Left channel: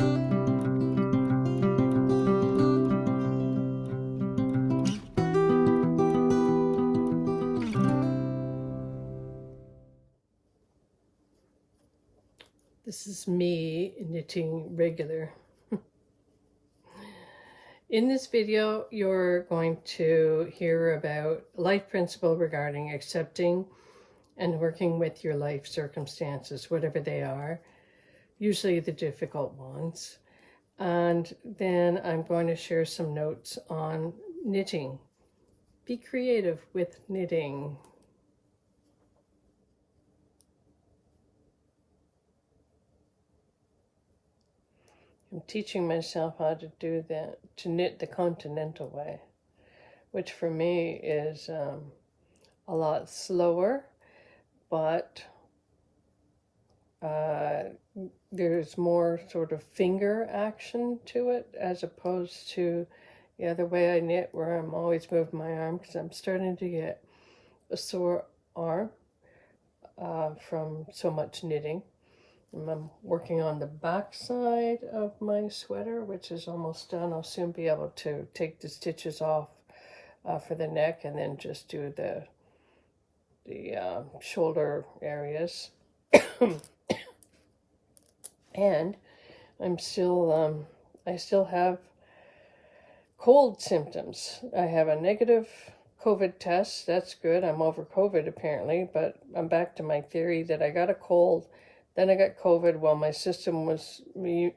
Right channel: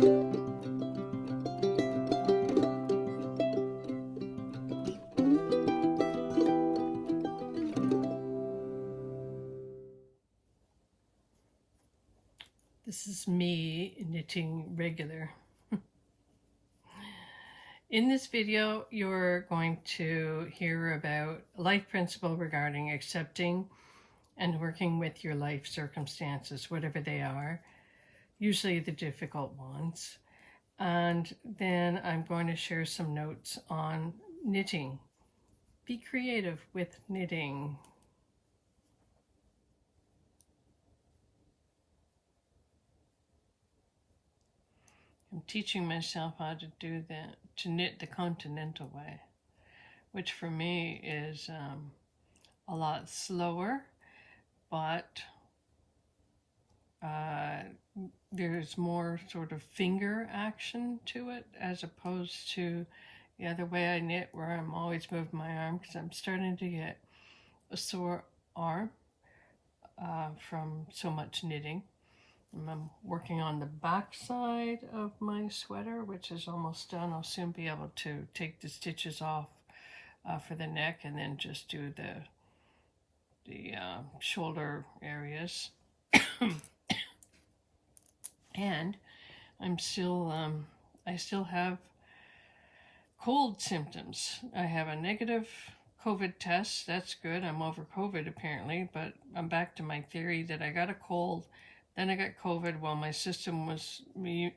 This is me knitting regular. In this video, you're going to hear about life principle regarding accepting and working with your life circumstances, whatever they are, usually the difficult ones. And then I'm going to share some notes on knitting. Be creative with knitting. I'm teaching myself how to do that, to knit the continental way, which for me is a lot slower, but there's more sort of finger action to it as opposed to the other way I knit, where I'm always moving my arm because I'm starting to get a sore arm from so much knitting. I'm working on the back side of my sweater, which is almost done. I'll soon be able to take the stitches off for the neck and then just do the shoulder areas. And I'm still, I still have cold symptoms. I have a negative COVID test. That's good. I'm over COVID apparently, but I'm back to my theory that I got a cold. Then I got COVID while my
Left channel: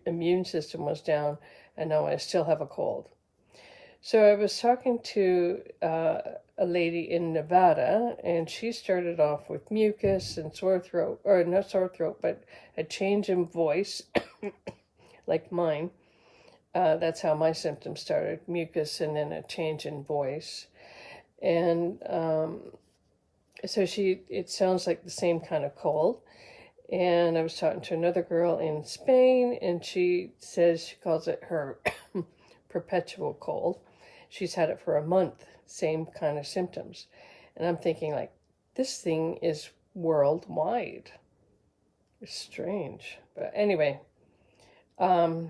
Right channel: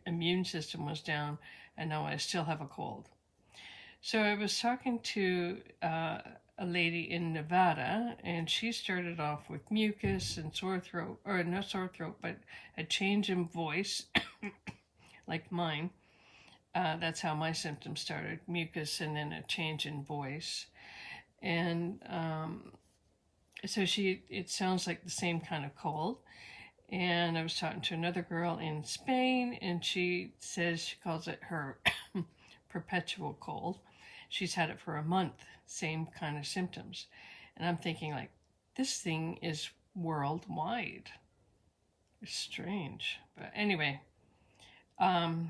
immune system was down, and now I still have a cold. So I was talking to a lady in Nevada, and she started off with mucus and sore throat, or not sore throat, but a change in voice, like mine. That's how my symptoms started, mucus and then a change in voice. And so it sounds like the same kind of cold. And I was talking to another girl in Spain, and she says she calls it her perpetual cold. She's had it for a month, same kind of symptoms. And I'm thinking, like, this thing is worldwide. It's strange. But anyway, you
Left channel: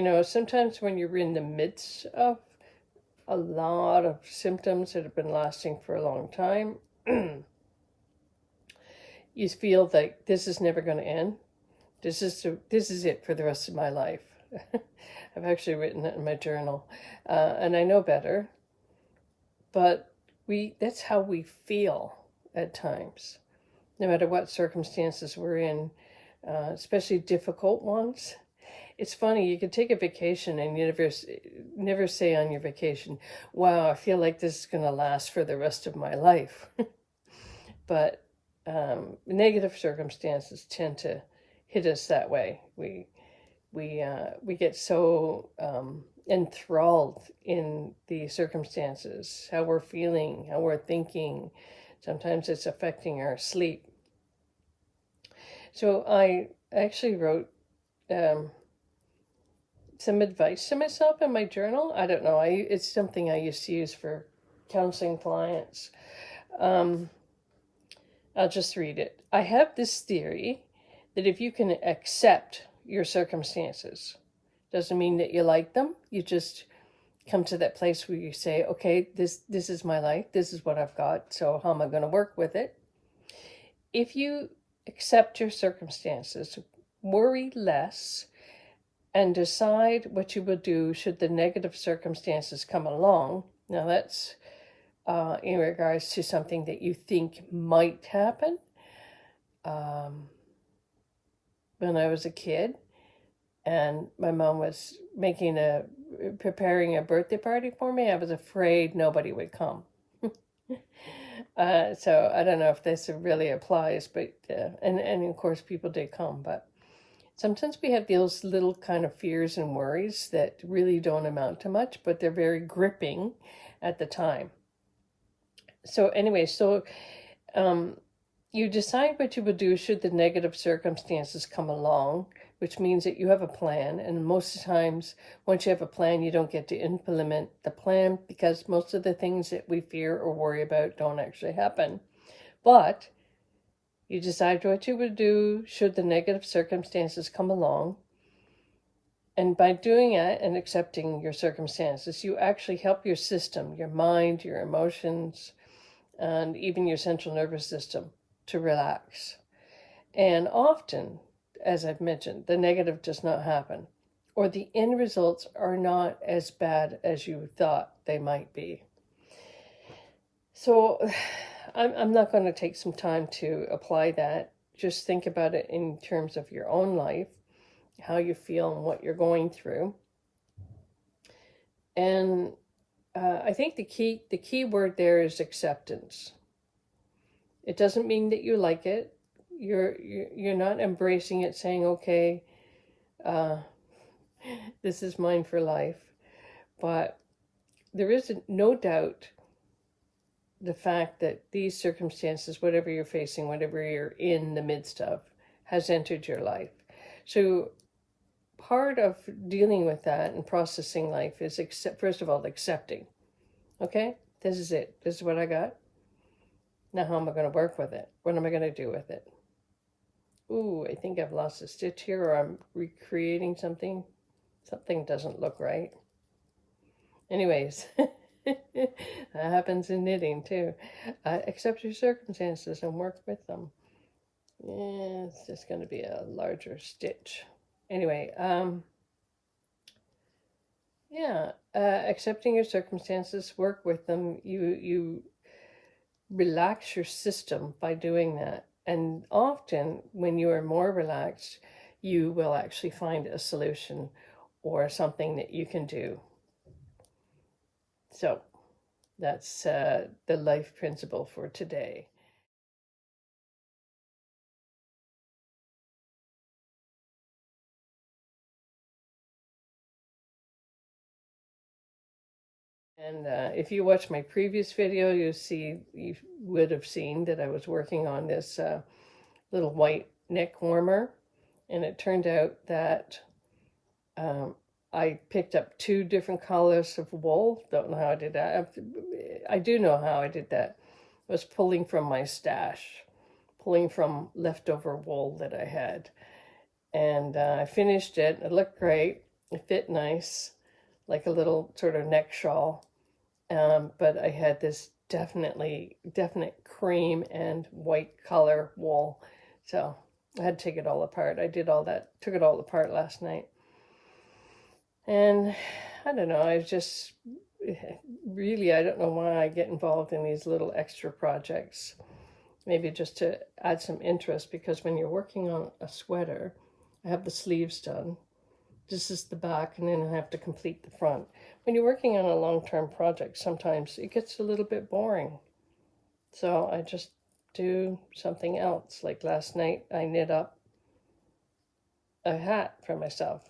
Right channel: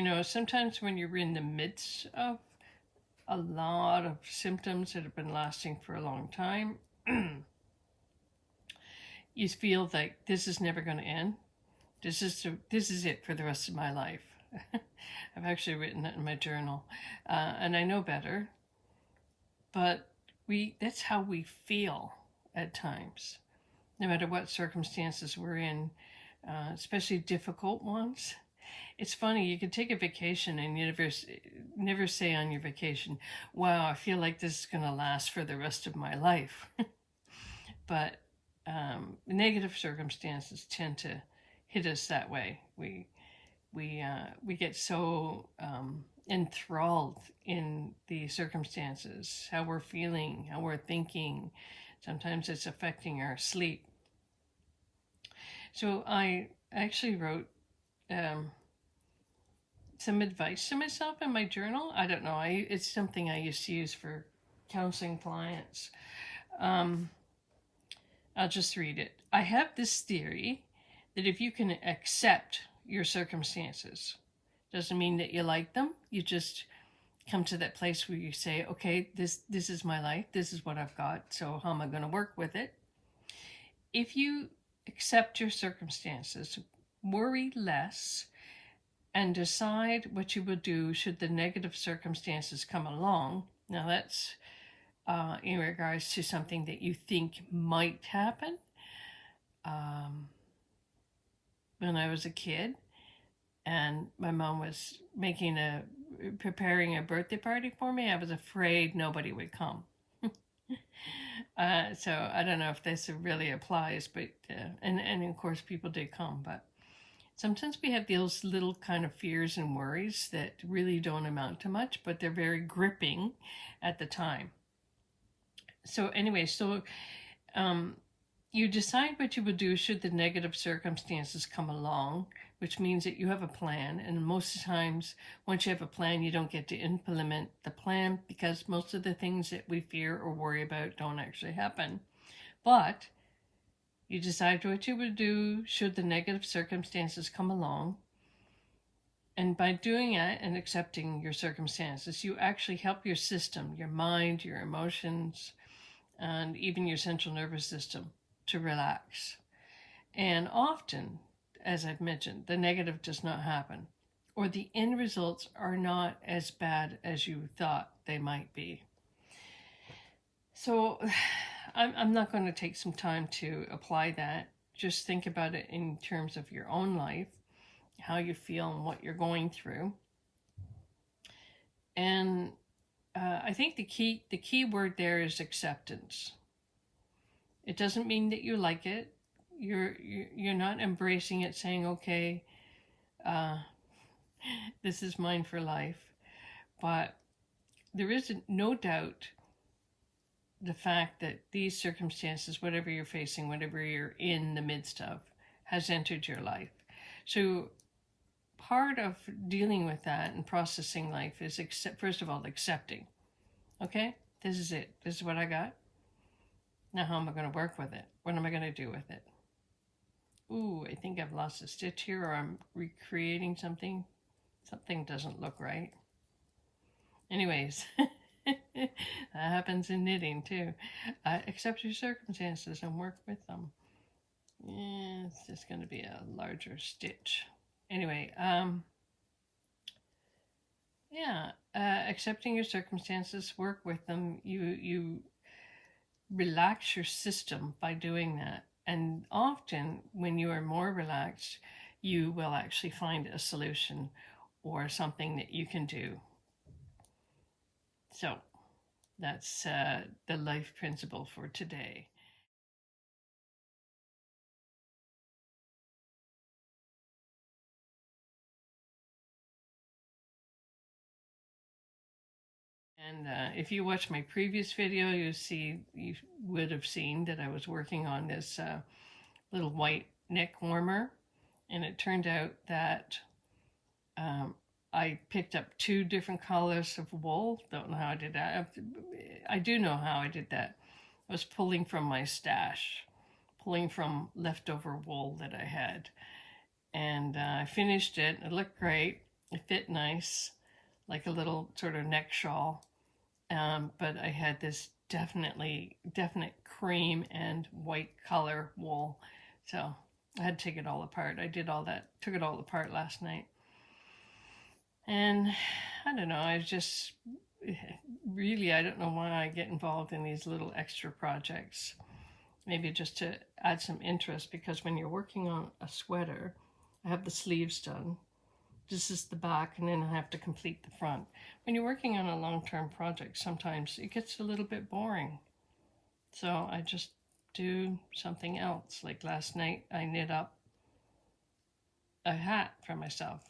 know, sometimes when you're in the midst of a lot of symptoms that have been lasting for a long time, you feel like this is never going to end. This is it for the rest of my life. I've actually written it in my journal, and I know better. But that's how we feel at times, no matter what circumstances we're in, especially difficult ones. It's funny, you could take a vacation and you never say on your vacation, wow, I feel like this is going to last for the rest of my life. But negative circumstances tend to hit us that way. We get so enthralled in the circumstances, how we're feeling, how we're thinking. Sometimes it's affecting our sleep. So I actually wrote some advice to myself in my journal. I don't know. It's something I used to use for counseling clients. I'll just read it. I have this theory that if you can accept your circumstances, doesn't mean that you like them. You just come to that place where you say, okay, this is my life. This is what I've got. So how am I going to work with it? If you accept your circumstances, worry less, and decide what you will do should the negative circumstances come along. Now that's in regards to something that you think might happen. When I was a kid and my mom was preparing a birthday party for me, I was afraid nobody would come. So I don't know if this really applies, but and of course people did come, but sometimes we have those little kind of fears and worries that really don't amount to much, but they're very gripping at the time. So anyway, you decide what you will do should the negative circumstances come along, which means that you have a plan. And most of the times, once you have a plan, you don't get to implement the plan because most of the things that we fear or worry about don't actually happen. But you decide what you would do should the negative circumstances come along. And by doing it and accepting your circumstances, you actually help your system, your mind, your emotions, and even your central nervous system to relax. And often, as I've mentioned, the negative does not happen, or the end results are not as bad as you thought they might be. So I'm not going to take some time to apply that. Just think about it in terms of your own life, how you feel and what you're going through. And I think the key word there is acceptance. It doesn't mean that you like it. You're not embracing it, saying, "Okay, uh, this is mine for life." But there is no doubt the fact that these circumstances, whatever you're facing, whatever you're in the midst of, has entered your life. So part of dealing with that and processing life is first of all, accepting. Okay, this is it. This is what I got. Now, how am I going to work with it? What am I going to do with it? Ooh, I think I've lost a stitch here, or I'm recreating something. Something doesn't look right. Anyways, that happens in knitting too. Accept your circumstances and work with them. Yeah, it's just going to be a larger stitch. Anyway, yeah, accepting your circumstances, work with them. You relax your system by doing that. And often, when you are more relaxed, you will actually find a solution or something that you can do. So that's the life principle for today. And if you watch my previous video, you would have seen that I was working on this little white neck warmer, and it turned out that um, I picked up 2 different colors of wool. Don't know how I did that. I do know how I did that. I was pulling from my stash, pulling from leftover wool that I had. And I finished it. It looked great. It fit nice, like a little sort of neck shawl. But I had this definite cream and white color wool. So I had to take it all apart. I did all that, took it all apart last night. And I don't know, I just really, I don't know why I get involved in these little extra projects. Maybe just to add some interest, because when you're working on a sweater, I have the sleeves done. This is the back, and then I have to complete the front. When you're working on a long-term project, sometimes it gets a little bit boring. So I just do something else. Like last night, I knit up a hat for myself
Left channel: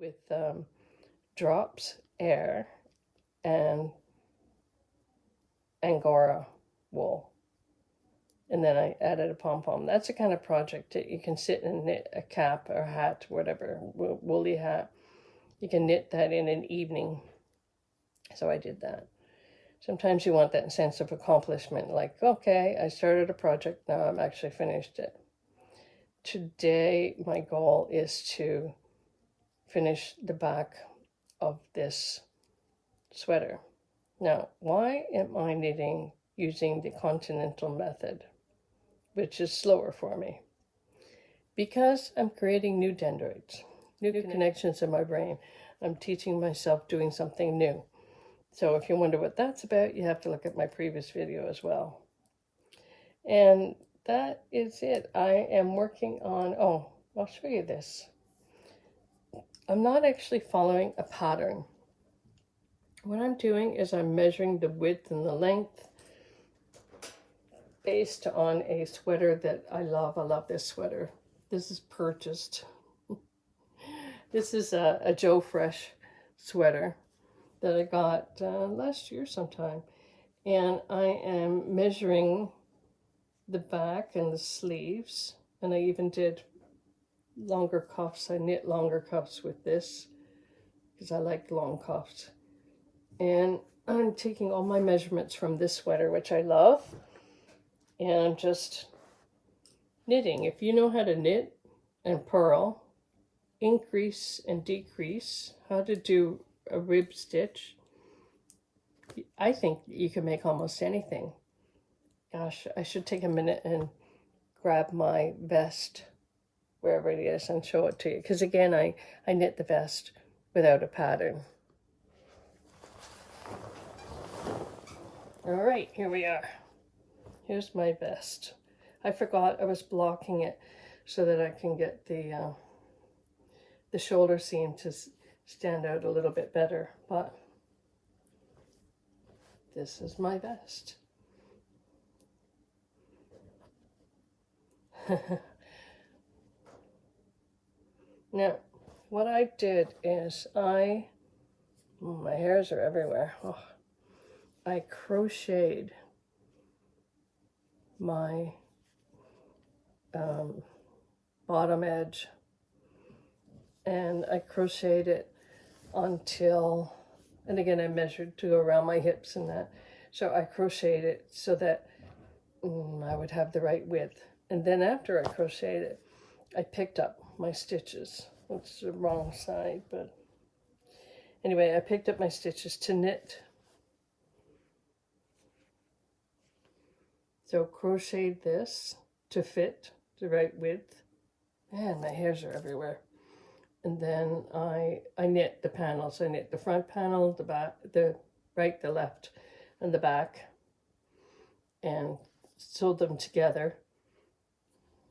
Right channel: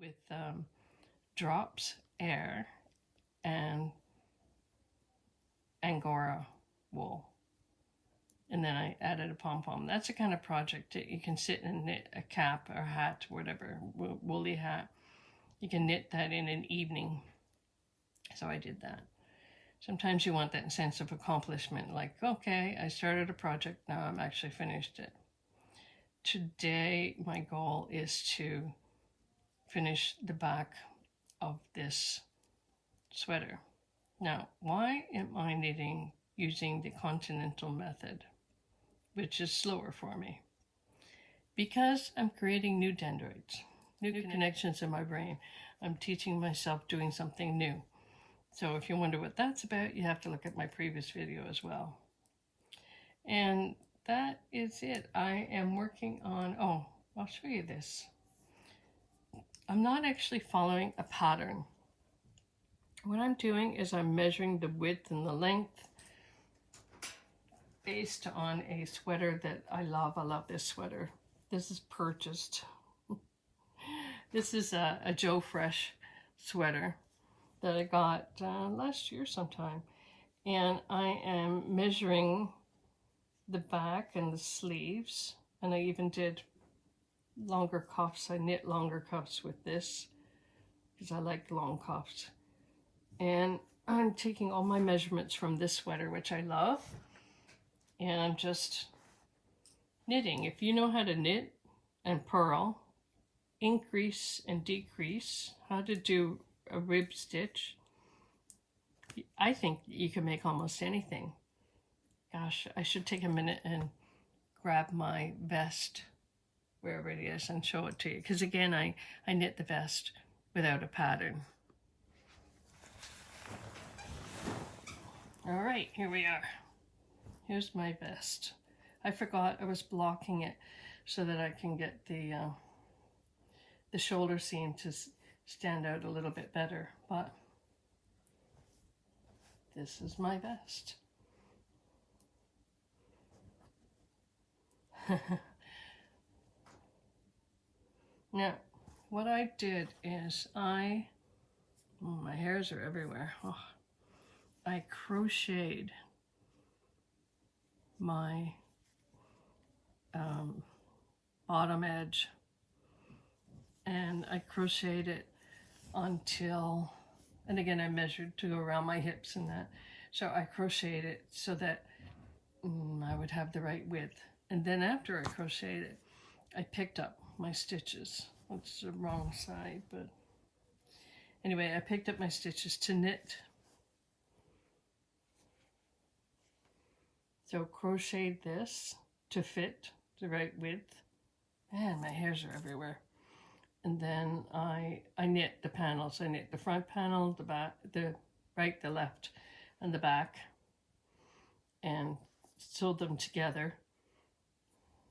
with drops, air, and Angora wool. And then I added a pom-pom. That's the kind of project that you can sit and knit a cap or a hat, whatever, woolly hat. You can knit that in an evening. So I did that. Sometimes you want that sense of accomplishment, like, okay, I started a project, now I'm actually finished it. Today, my goal is to finish the back of this sweater. Now, why am I knitting using the continental method, which is slower for me? Because I'm creating new dendrites, new connections in my brain. I'm teaching myself doing something new. So if you wonder what that's about, you have to look at my previous video as well. And that is it. I am working on, oh, I'll show you this. I'm not actually following a pattern. What I'm doing is I'm measuring the width and the length based on a sweater that I love. I love this sweater. This is purchased. This is a Joe Fresh sweater that I got last year sometime. And I am measuring the back and the sleeves. And I even did longer cuffs. I knit longer cuffs with this because I like long cuffs. And I'm taking all my measurements from this sweater, which I love. And I'm just knitting. If you know how to knit and purl, increase and decrease, how to do a rib stitch, I think you can make almost anything. Gosh, I should take a minute and grab my vest, wherever it is, and show it to you. Because again, I knit the vest without a pattern. All right, here we are. Here's my vest. I forgot I was blocking it so that I can get the shoulder seam to stand out a little bit better, but this is my vest. Now, what I did is my hairs are everywhere. Oh, I crocheted my bottom edge, and I crocheted it until, and again I measured to go around my hips and that, so I crocheted it so that I would have the right width. And then after I crocheted it, I picked up my stitches. It's the wrong side, but anyway, I picked up my stitches to knit. So crocheted this to fit the right width. Man, my hairs are everywhere. And then I knit the panels. I knit the front panel, the back, the right, the left, and the back, and sewed them together.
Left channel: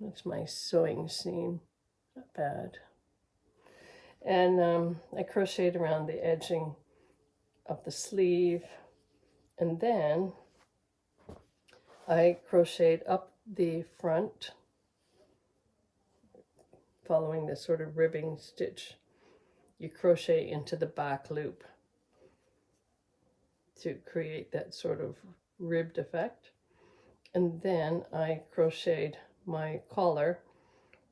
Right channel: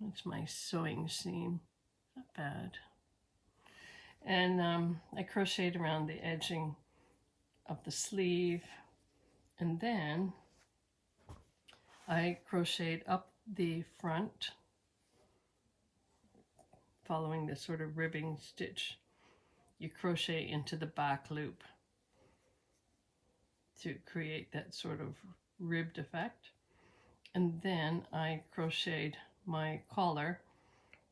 That's my sewing seam. Not bad. And I crocheted around the edging of the sleeve, and then I crocheted up the front, following this sort of ribbing stitch. You crochet into the back loop to create that sort of ribbed effect. And then I crocheted my collar.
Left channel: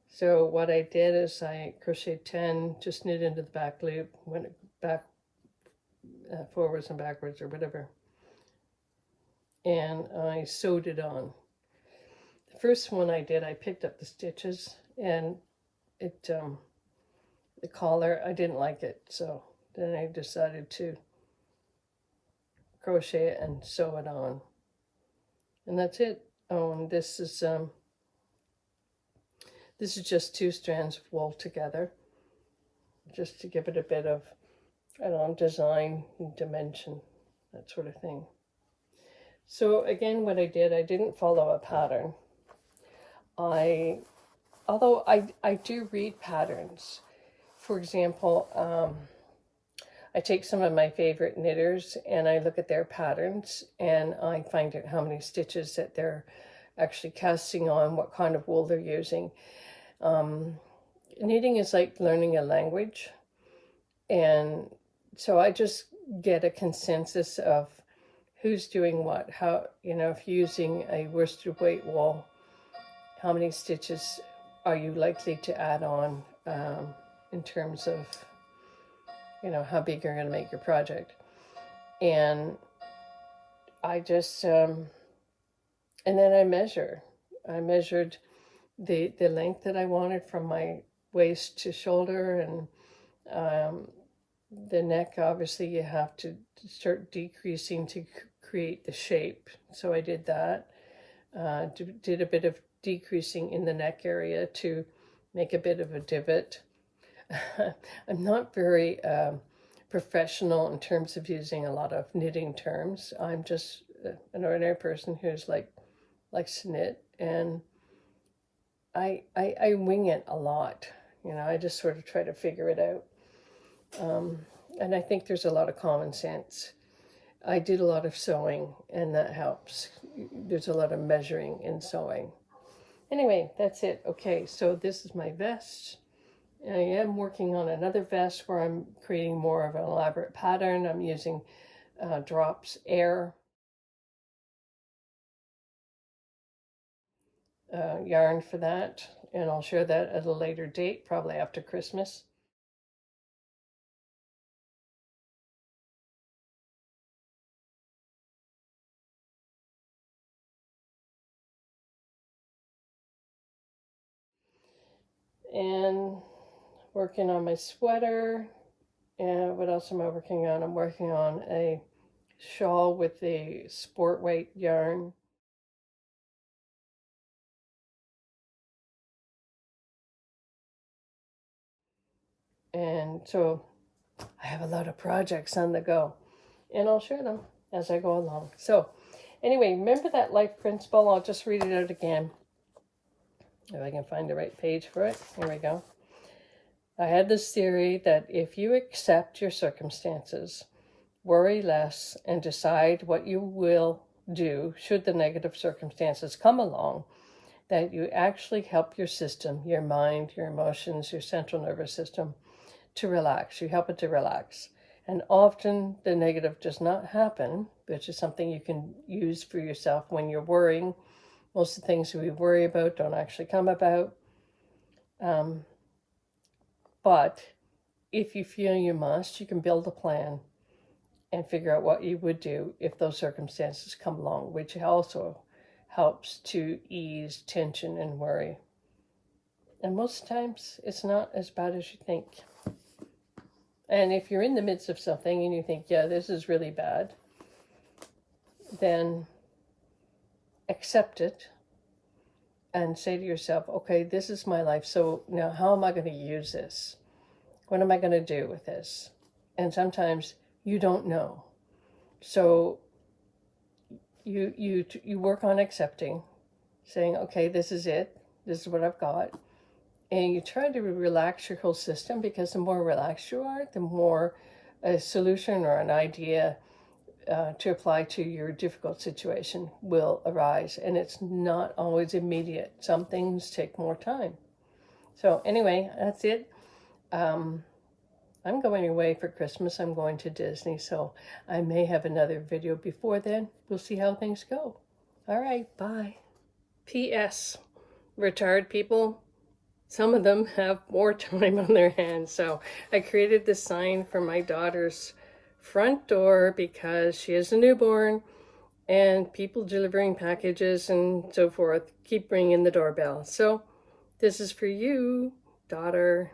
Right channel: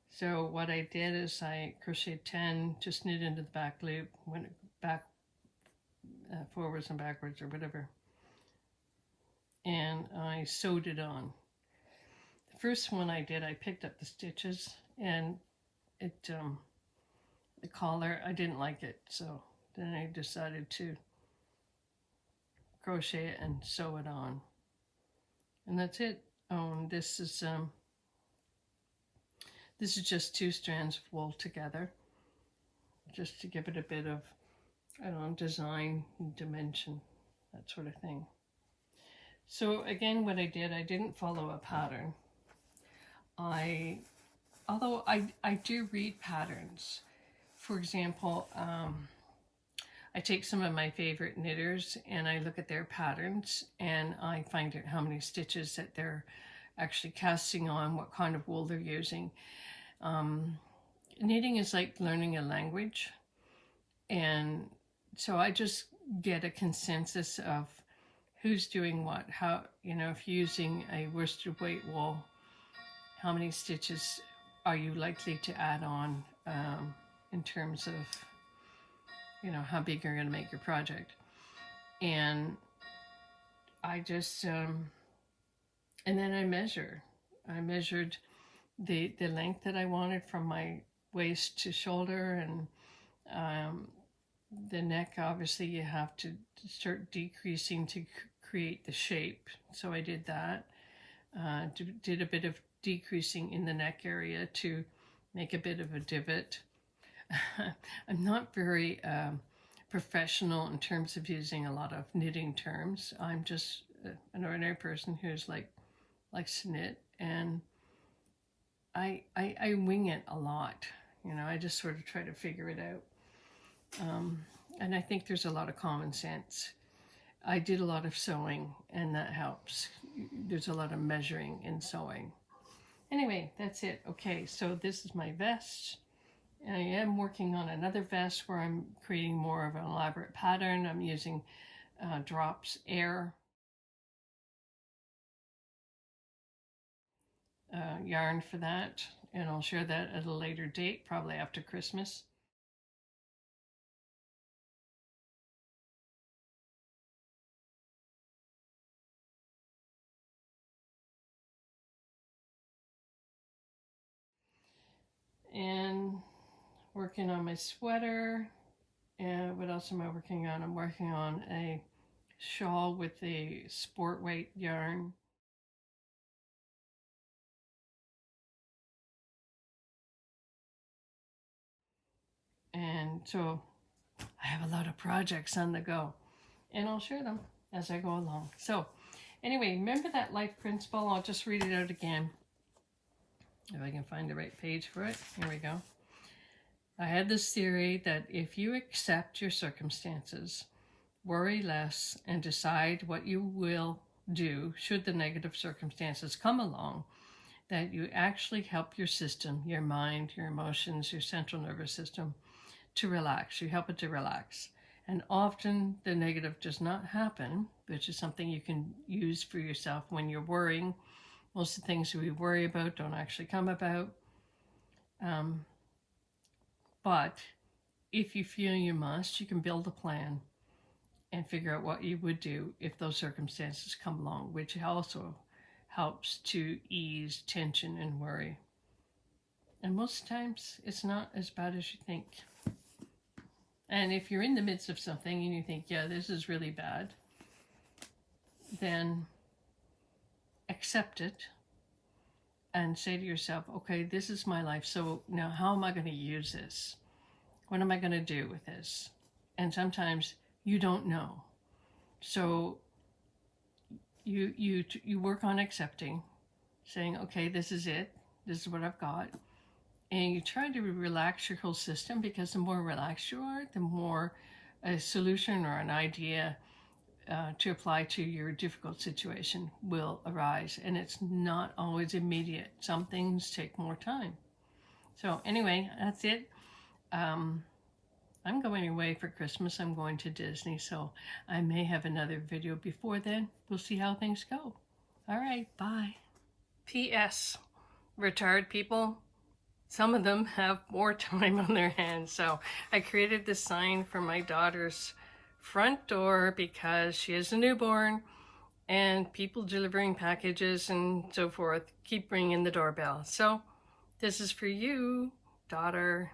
So what I did is I crocheted 10, just knit into the back loop, went back, forwards and backwards or whatever, and I sewed it on. The first one I did, I picked up the stitches, and it the collar, I didn't like it, so then I decided to crochet it and sew it on, and that's it. Oh, and this is just 2 strands of wool together, just to give it a bit of, I don't know, design, dimension, that sort of thing. So again, what I did, I didn't follow a pattern. Although I do read patterns. For example, I take some of my favorite knitters and I look at their patterns and I find out how many stitches that they're actually casting on, what kind of wool they're using. Knitting is like learning a language, and so I just get a consensus of who's doing what, how, if you're using a worsted weight wool, how many stitches are you likely to add on in terms of, how big you're going to make your project. And I just, and then I measured the length that I wanted from my waist to shoulder, and the neck, obviously you have to start decreasing to create the shape. So I did that, did a bit of decreasing in the neck area to make a bit of a divot. I'm not very professional in terms of using a lot of knitting terms. I'm just an ordinary person who's likes to knit, and I wing it a lot. I just sort of try to figure it out. And I think there's a lot of common sense. I did a lot of sewing, and that helps. There's a lot of measuring in sewing. Anyway, that's it. Okay, so this is my vest. I am working on another vest where I'm creating more of an elaborate pattern. I'm using Drops Air yarn for that, and I'll share that at a later date, probably after Christmas. and working on my sweater. And what else am I working on? I'm working on a shawl with the sport weight yarn. And so I have a lot of projects on the go, and I'll share them as I go along. So anyway, remember that life principle? I'll just read it out again. If I can find the right page for it. Here we go. I had this theory that if you accept your circumstances, worry less, and decide what you will do should the negative circumstances come along, that you actually help your system, your mind, your emotions, your central nervous system to relax. You help it to relax. And often the negative does not happen, which is something you can use for yourself when you're worrying. Most of the things we worry about don't actually come about. But if you feel you must, you can build a plan and figure out what you would do if those circumstances come along, which also helps to ease tension and worry. And most times it's not as bad as you think. And if you're in the midst of something and you think, yeah, this is really bad, then accept it and say to yourself, okay, this is my life. So now how am I going to use this? What am I going to do with this? And sometimes you don't know. So you work on accepting, saying, okay, this is it. This is what I've got. And you try to relax your whole system, because the more relaxed you are, the more a solution or an idea to apply to your difficult situation will arise. And it's not always immediate. Some things take more time. So anyway, that's it. I'm going away for Christmas. I'm going to Disney, so I may have another video before then. We'll see how things go. All right, bye. P.S. Retired people, some of them have more time on their hands. So I created this sign for my daughter's front door because she has a newborn, and people delivering packages and so forth keep ringing the doorbell. So this is for you, daughter.